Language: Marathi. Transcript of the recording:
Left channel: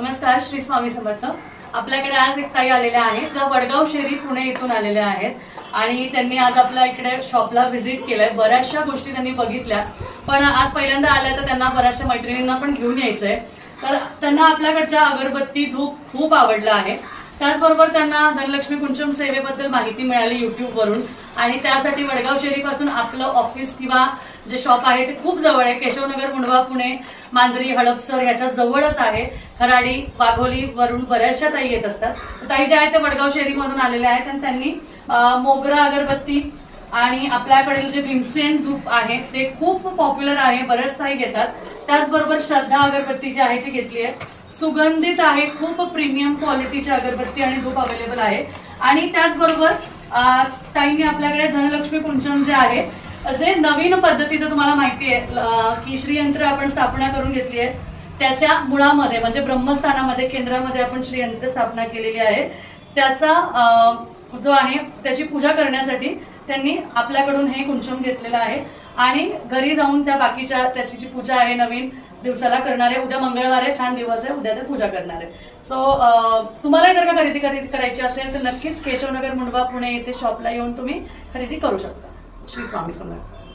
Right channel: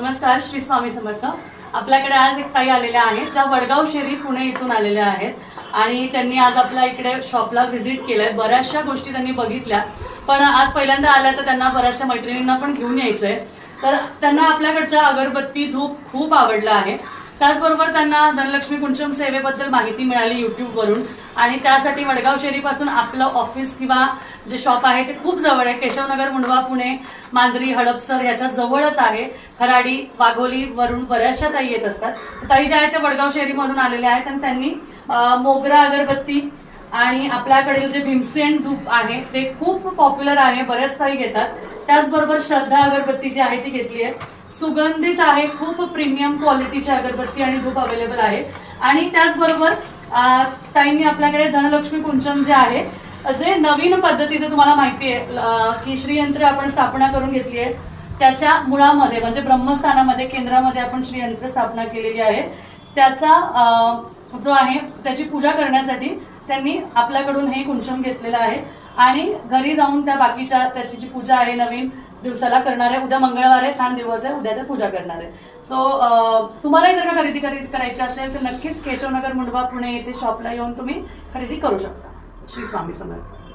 नमस्कार, श्री स्वामी समर्थ। आपल्याकडे आज एक ताई आलेल्या आहेत ज्या वडगाव शेरी पुणे इथून आलेल्या आहेत आणि त्यांनी आज आपल्या इकडे शॉपला व्हिजिट केलंय। बऱ्याचशा गोष्टी त्यांनी बघितल्या, पण आज पहिल्यांदा आल्या तर त्यांना बऱ्याचशा मैत्रिणींना पण घेऊन यायचंय। तर त्यांना आपल्याकडच्या अगरबत्ती धूप खूप आवडला आहे। त्याचबरोबर त्यांना धनलक्ष्मी कुंचम सेवेबद्दल माहिती मिळाली YouTube वरून आणि त्यासाठी वडगाव शेरीपासून आपलं ऑफिस किंवा जे शॉप आहे ते खूप जवळ आहे। केशवनगर, मुंडवा, पुणे, मांजरी, हडपसर याच्या जवळच आहे। खराडी, वाघोली वरून बऱ्याचशा ताई येत असतात। ताई ज्या आहेत ते वडगाव शेरीमधून आलेल्या आहेत आणि त्यांनी मोगरा अगरबत्ती आणि आपल्याकडील जे भीमसेन धूप आहे ते खूप पॉप्युलर आहे, बरेच ताई घेतात। त्याचबरोबर श्रद्धा अगरबत्ती जी आहे ती घेतली आहे, सुगंधित आहे, खूप प्रीमियम क्वालिटीची अगरबत्ती आणि धूप अवेलेबल आहे। आणि त्याचबरोबर ताईंनी आपल्याकडे धनलक्ष्मी कुंचम जे आहे, जे नवीन पद्धतीचं तुम्हाला माहिती आहे की श्रीयंत्र आपण स्थापना करून घेतली आहे, त्याच्या मुळामध्ये म्हणजे ब्रह्मस्थानामध्ये केंद्रामध्ये आपण श्रीयंत्र स्थापना केलेली आहे। त्याचा जो आहे त्याची पूजा करण्यासाठी त्यांनी आपल्याकडून हे कुंचम घेतलेलं आहे आणि घरी जाऊन त्या बाकीच्या त्याची जी पूजा आहे नवीन दिवसाला करणार आहे। उद्या मंगळवार आहे, छान दिवस आहे, उद्या ते पूजा करणार आहे। सो तुम्हाला जर का खरेदी करायची असेल तर नक्कीच केशवनगर, मुंडवा, पुणे येथे शॉपला येऊन तुम्ही खरेदी करू शकता। श्री स्वामी समर्थ।